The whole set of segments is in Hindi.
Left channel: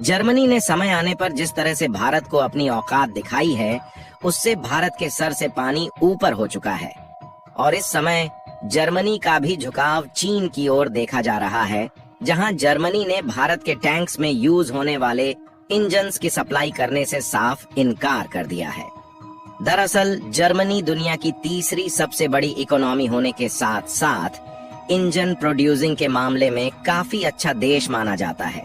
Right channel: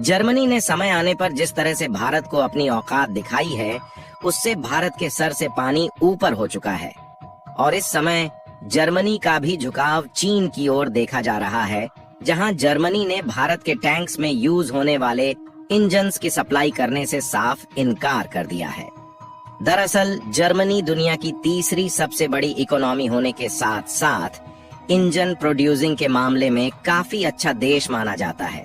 जर्मनी ने समय आने पर जिस तरह से भारत को अपनी औकात दिखाई है, उससे भारत के सर से पानी ऊपर हो चुका है और इस समय जर्मनी का भी झुकाव चीन की ओर देखा जा रहा है, जहां जर्मनी ने भारत के टैंक्स में यूज होने वाले इंजन्स की सप्लाई करने से साफ इनकार कर दिया है। दरअसल जर्मनी दुनिया की तीसरी सबसे बड़ी इकोनॉमी होने के साथ साथ इंजन प्रोड्यूसिंग के मामले में काफी अच्छा देश माना जाता है,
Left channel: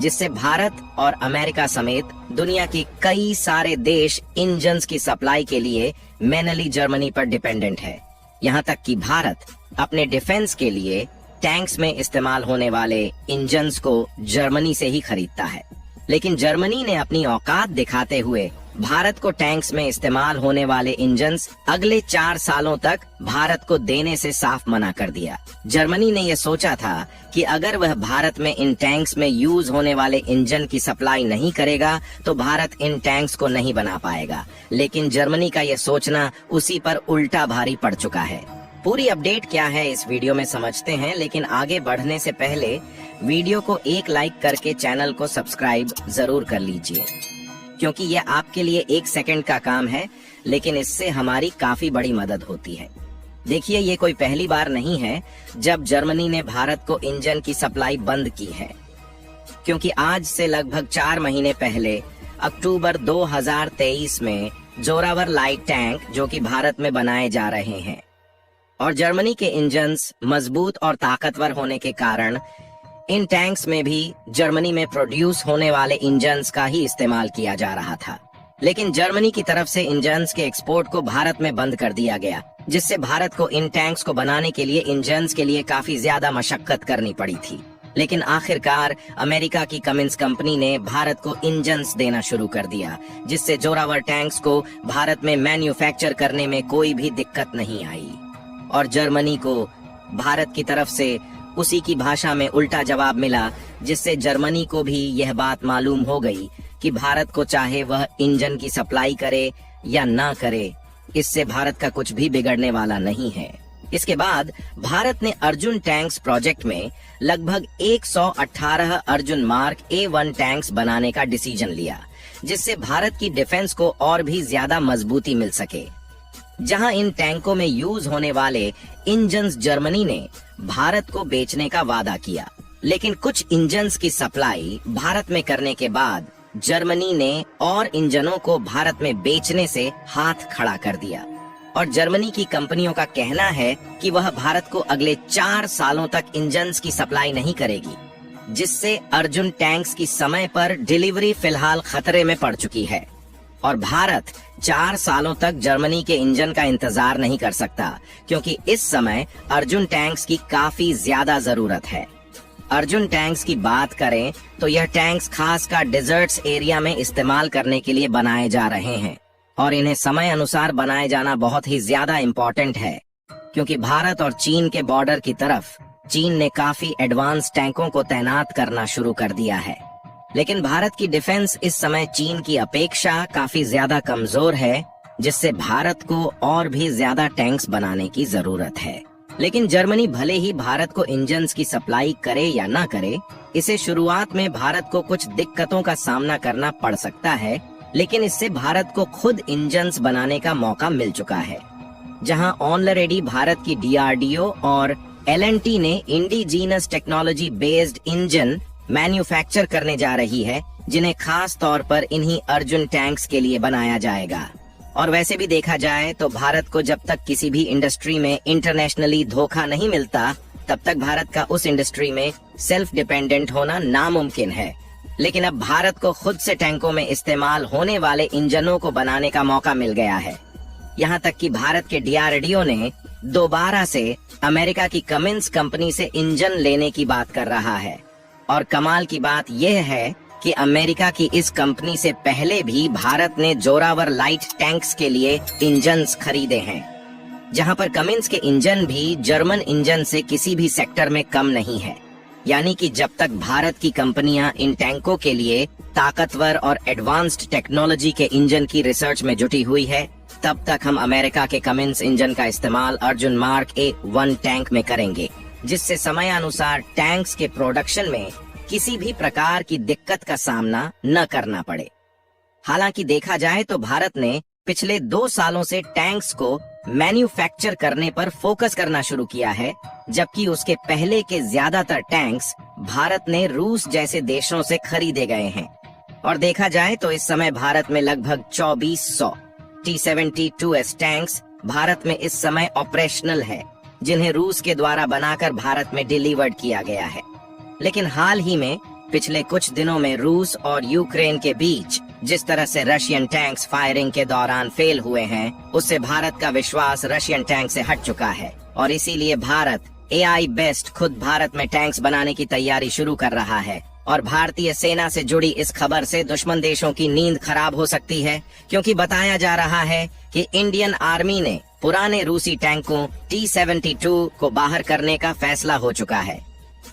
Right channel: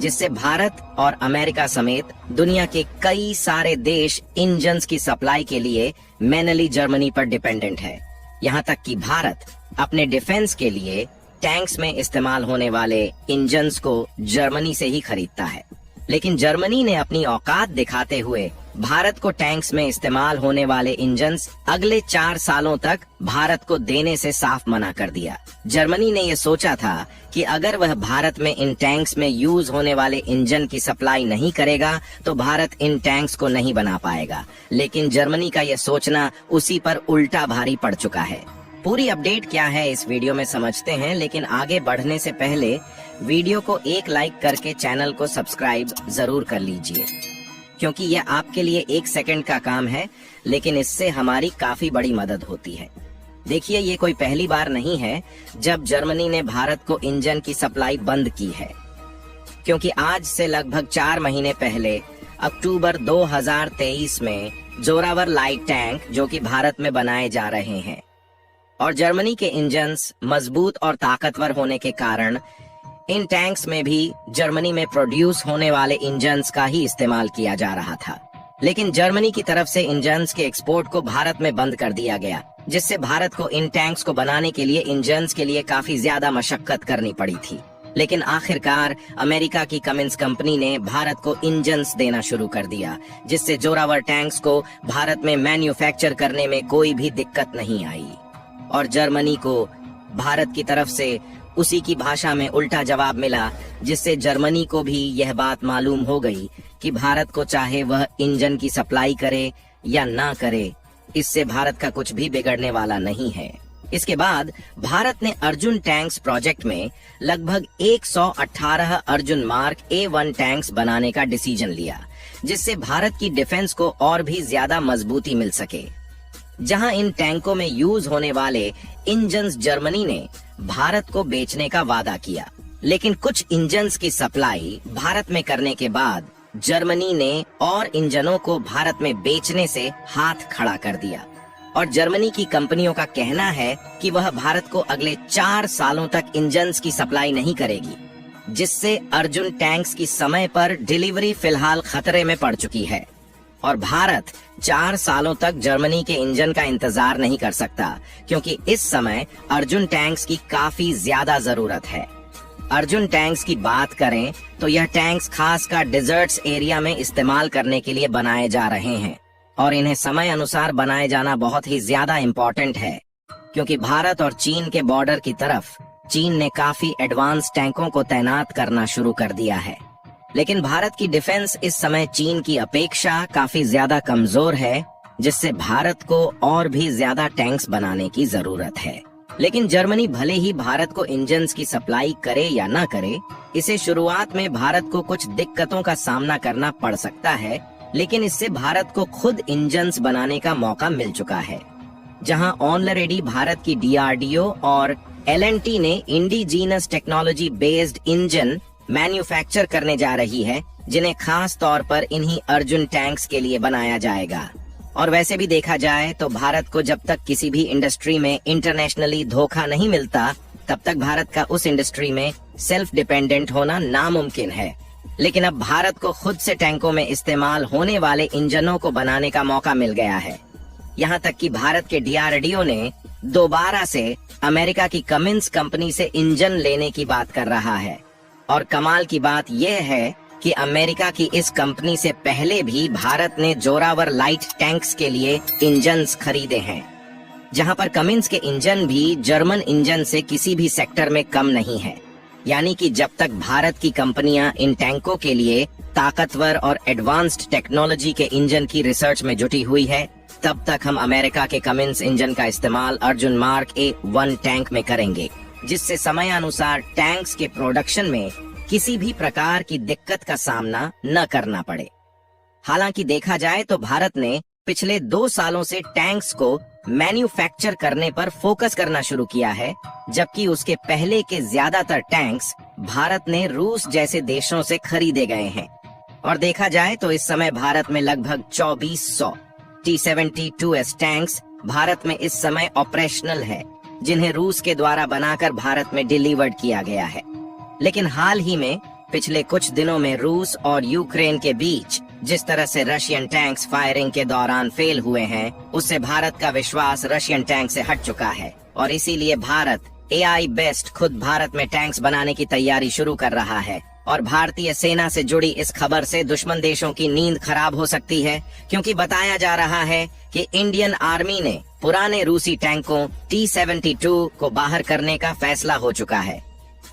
जिससे भारत और अमेरिका समेत दुनिया के कई सारे देश इंजन्स की सप्लाई के लिए मेनली जर्मनी पर डिपेंडेंट है। यहाँ तक कि भारत अपने डिफेंस के लिए टैंक्स में इस्तेमाल होने वाले इंजन्स को जर्मनी से ही खरीदता है। लेकिन जर्मनी ने अपनी औकात दिखाते हुए भारत को टैंक्स में इस्तेमाल होने वाले इंजन्स अगले 4 सालों तक भारत को देने से साफ मना कर दिया। जर्मनी ने यह सोचा था कि अगर वह भारत में इन टैंक्स में यूज होने वाले इंजन की सप्लाई नहीं करेगा तो भारत इन टैंक्स को नहीं बना पाएगा, लेकिन जर्मनी का यह सोचना उसी पर उल्टा भारी पड़ चुका है। पूरी अपडेट क्या है इस वीडियो में समझते हैं, लेकिन आगे बढ़ने से पहले वीडियो को एक लाइक करके चैनल को सब्सक्राइब जरूर कर लीजिए, क्योंकि यह आपके लिए 1 सेकंड का काम है, लेकिन इससे हमारी काफी बड़ी मदद होती है। देखिए, ये कोई पहली बार नहीं है जब जर्मनी ने भारत को इंजन की सप्लाई बंद की है, क्योंकि आज से लगभग 4 महीने पहले अक्टूबर 2023 में जोरावर लाइट टैंक जो कि भारत में बनाए जा रहे हैं और जर्मनी के इंजन्स मजबूत और ताकतवर होने के कारण इन टैंक्स में भी जर्मनी में प्रोड्यूस होने वाले इंजन्स का ही इस्तेमाल किया जा रहा था। लेकिन जर्मनी की तरफ से इंजन्स के एक्सपोर्ट को भारत में बंद कर दिया गया, जिससे भारत को इन टैंक्स को बनाने के लिए इंजन्स के लिए काफी ज्यादा मशक्कत करनी पड़ी थी। लेकिन आखिरकार अमेरिका की कमिंस कंपनी ने भारत को इंजन्स देना शुरू कर दिया, जिससे जोरावर टैंक्स को भारत में मैन्युफैक्चर करने में कोई भी दिक्कत नहीं आई और जर्मनी को भारत की तरफ से उसी की भाषा में उल्टा जवाब मिला, जिससे जर्मनी को भी यह बात मालूम हो गई कि भारत को चाहे वह इंजन की सप्लाई करे या ना करे, इससे भारत का कुछ भी बिगड़ने वाला नहीं है। इसके बाद भारत ने अर्जुन टैंक्स प्रोजेक्ट में लगभग 118 अर्जुन मार्क A1 टैंक्स बनाने का डिसीजन लिया, जिससे भारत की डिफेंस को और भी ज्यादा मजबूती मिल सके। जहां इन टैंकों में यूज होने वाले इंजन्स जर्मनी ने भारत को बेचने का वादा किया, लेकिन कुछ इंजन्स की सप्लाई भारत में करने के बाद जर्मनी ने और इंजनों को भारत में बेचने से हाथ खड़ा कर दिया और जर्मनी की कंपनियों का कहना है कि वह भारत को अगले 4 सालों तक इंजन्स की सप्लाई नहीं करेगी, जिससे अर्जुन टैंक्स की समय पर डिलीवरी फिलहाल खतरे में पड़ चुकी है और भारत 4 सालों तक जर्मनी के इंजन का इंतजार नहीं कर सकता, क्योंकि इस समय अर्जुन टैंक्स की काफी ज्यादा जरूरत है। अर्जुन टैंक्स की बात करें तो यह टैंक्स खासकर डिजर्ट्स एरिया में इस्तेमाल करने के लिए बनाए जा रहे हैं और इन्हें समय अनुसार बनाए जाना बहुत ही ज्यादा इम्पोर्टेंट है, क्योंकि भारत और चीन के बॉर्डर की तरफ चीन ने काफी एडवांस टैंकों को तैनात करना शुरू कर दिया है। लेकिन भारत की डिफेंस इस समय चीन की अपेक्षा काफी ज्यादा कमजोर है, जिससे भारत को और भी ज्यादा टैंक्स बनाने की जरूरत है। लेकिन जर्मनी भले ही भारत को इंजन्स की सप्लाई करे या ना करे, इसे शुरुआत में भारत को कुछ दिक्कतों का सामना करना पड़ सकता है, लेकिन इससे भारत को खुद इंजन्स बनाने का मौका मिल चुका है। जहां ऑलरेडी भारत की DRDO और L&T ने indigenous technology based engine manufacture करने जा रही है, जिन्हें खास तौर पर इन्हीं अर्जुन टैंक्स के लिए बनाया जाएगा। और वैसे भी देखा जाए तो भारत को जब तक किसी भी इंडस्ट्री में इंटरनेशनली धोखा नहीं मिलता, तब तक भारत का उस इंडस्ट्री में सेल्फ डिपेंडेंट होना नामुमकिन है। लेकिन अब भारत को खुद से टैंकों में इस्तेमाल होने वाले इंजनों को बनाने का मौका मिल गया है। यहाँ तक कि भारत के DRDO ने दोबारा से अमेरिका की कमिंस कंपनी से इंजन लेने की बात कर रहा है और कमाल की बात यह है कि अमेरिका की इस कंपनी से पहले भी भारत ने जोरावर लाइट टैंक्स के लिए इंजन्स खरीदे हैं, जहां पर कमिंस के इंजन भी जर्मन इंजन से किसी भी सेक्टर में कम नहीं है। यानी कि जब तक भारत की कंपनियां इन टैंकों के लिए ताकतवर और एडवांस्ड टेक्नोलॉजी के इंजन की रिसर्च में जुटी हुई है, तब तक हम अमेरिका के कमिंस इंजन का इस्तेमाल अर्जुन मार्क A1 टैंक में करेंगे, जिससे समयानुसार टैंक्स के प्रोडक्शन में किसी भी प्रकार की दिक्कत का सामना न करना पड़े। हालांकि देखा जाए तो भारत ने पिछले 2 सालों से टैंक्स को मैन्युफैक्चर करने पर फोकस करना शुरू किया है, जबकि उसके पहले के ज्यादातर टैंक्स भारत ने रूस जैसे देशों से खरीदे गए हैं। और देखा जाए तो इस समय भारत में लगभग 2400 T-72S टैंक्स भारत में इस समय ऑपरेशनल है, जिन्हें रूस के द्वारा बनाकर भारत में डिलीवर्ड किया गया है। लेकिन हाल ही में पिछले कुछ दिनों में रूस और यूक्रेन के बीच जिस तरह से रशियन टैंक्स फायरिंग के दौरान फेल हुए हैं, उससे भारत का विश्वास रशियन टैंक से हट चुका है और इसीलिए भारत AI बेस्ड खुद भारत में टैंक्स बनाने की तैयारी शुरू कर रहा है। और भारतीय सेना से जुड़ी इस खबर से दुश्मन देशों की नींद खराब हो सकती है, क्योंकि बताया जा रहा है कि इंडियन आर्मी ने पुराने रूसी टैंकों T-72 को बाहर करने का फैसला हो चुका है,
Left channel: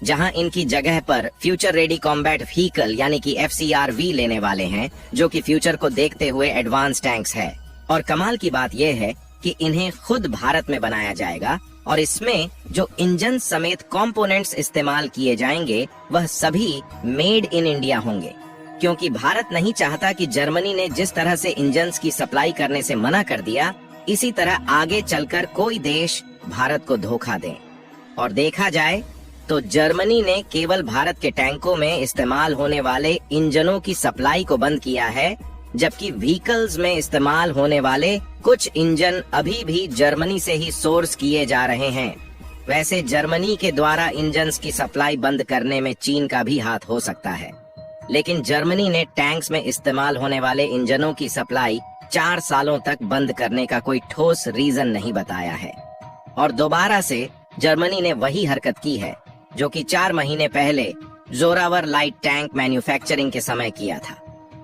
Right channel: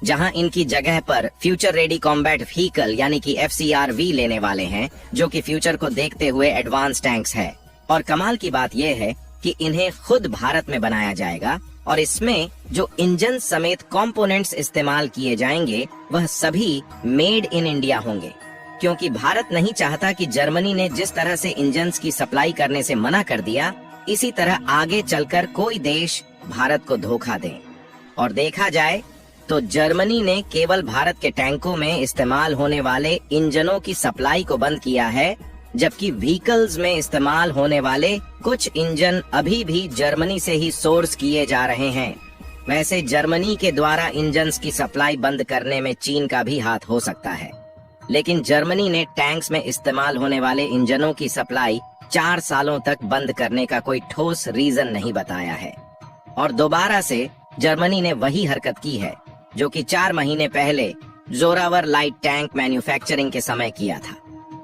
जहां इनकी जगह पर फ्यूचर रेडी कॉम्बैट व्हीकल यानी कि FCRV लेने वाले हैं, जो कि फ्यूचर को देखते हुए एडवांस टैंक्स हैं। और कमाल की बात यह है कि इन्हें खुद भारत में बनाया जाएगा और इसमें जो इंजन समेत कंपोनेंट्स इस्तेमाल किए जाएंगे वह सभी मेड इन इंडिया होंगे, क्योंकि भारत नहीं चाहता कि जर्मनी ने जिस तरह से इंजन्स की सप्लाई करने से मना कर दिया, इसी तरह आगे चलकर कोई देश भारत को धोखा दे। और देखा जाए तो जर्मनी ने केवल भारत के टैंकों में इस्तेमाल होने वाले इंजनों की सप्लाई को बंद किया है, जबकि व्हीकल्स में इस्तेमाल होने वाले कुछ इंजन अभी भी जर्मनी से ही सोर्स किए जा रहे हैं। वैसे जर्मनी के द्वारा इंजन्स की सप्लाई बंद करने में चीन का भी हाथ हो सकता है, लेकिन जर्मनी ने टैंक्स में इस्तेमाल होने वाले इंजनों की सप्लाई 4 सालों तक बंद करने का कोई ठोस रीजन नहीं बताया है। और दोबारा से जर्मनी ने वही हरकत की है जो कि 4 महीने पहले जोरावर लाइट टैंक मैन्युफैक्चरिंग के समय किया था।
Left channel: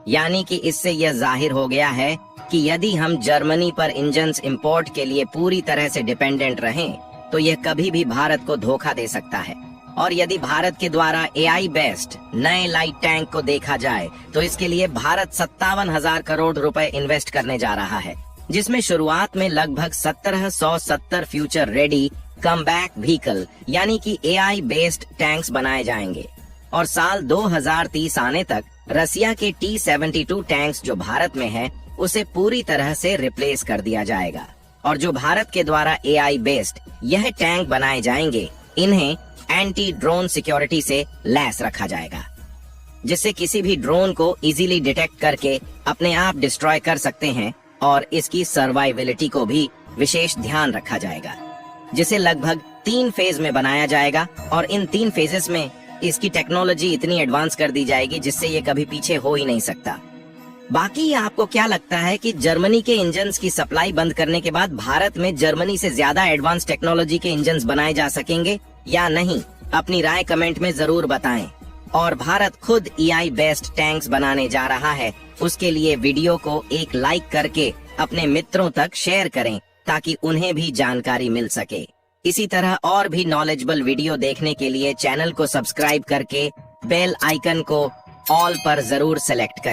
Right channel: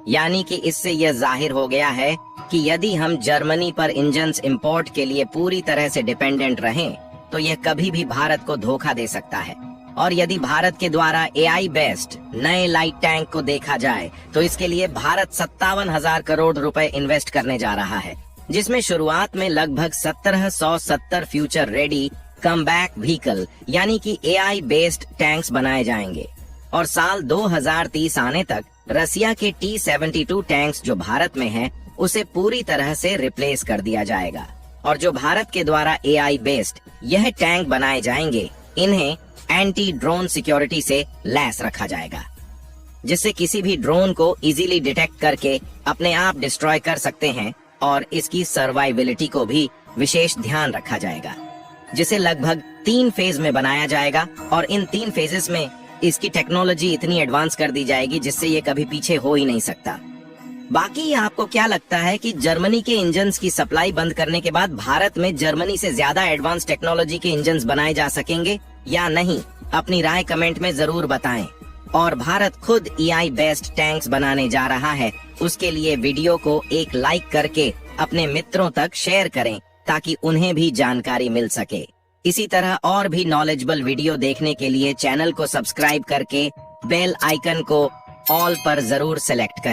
यानी कि इससे यह जाहिर हो गया है कि यदि हम जर्मनी पर इंजन्स इंपोर्ट के लिए पूरी तरह से डिपेंडेंट रहें, तो यह कभी भी भारत को धोखा दे सकता है। और यदि भारत के द्वारा AI बेस्ड नए लाइट टैंक को देखा जाए तो इसके लिए भारत 57,000 करोड़ रुपए इन्वेस्ट करने जा रहा है, जिसमें शुरुआत में लगभग 1770 फ्यूचर रेडी कमबैक व्हीकल यानी कि AI बेस्ड टैंक्स बनाए जाएंगे और साल 2030 आने तक रसिया के T-72 टैंक्स जो भारत में है उसे पूरी तरह से रिप्लेस कर दिया जाएगा। और जो भारत के द्वारा AI बेस्ड यह टैंक बनाए जाएंगे, इन्हें एंटी ड्रोन सिक्योरिटी से लैस रखा जाएगा, जिससे किसी भी ड्रोन को इजीली डिटेक्ट करके अपने आप डिस्ट्रॉय कर सकते हैं। और इसकी सर्वाइविलिटी को भी विशेष ध्यान रखा जाएगा, जिसे लगभग 3 फेज में बनाया जाएगा और इन 3 फेजेस में इसकी टेक्नोलॉजी इतनी एडवांस कर दी जाएगी जिससे ये कभी पीछे हो ही नहीं सकता। बाकी आपको क्या लगता है कि जर्मनी के इंजन्स की सप्लाई बंद करने के बाद भारत में जर्मनी से ज्यादा एडवांस टेक्नोलॉजी के इंजन्स बनाए जा सकेंगे या नहीं? अपनी राय कमेंट में जरूर बताएं। और भारत खुद AI बेस्ड टैंक्स बनाने जा रहा है, उसके लिए वीडियो को एक लाइक करके अपने मित्रों तक शेयर करें ताकि उन्हें भी जानकारी मिल सके। इसी तरह और भी नॉलेजेबल वीडियो देखने के लिए चैनल को सब्सक्राइब करके बेल आइकन को ऑल पर जरूर सेलेक्ट करें।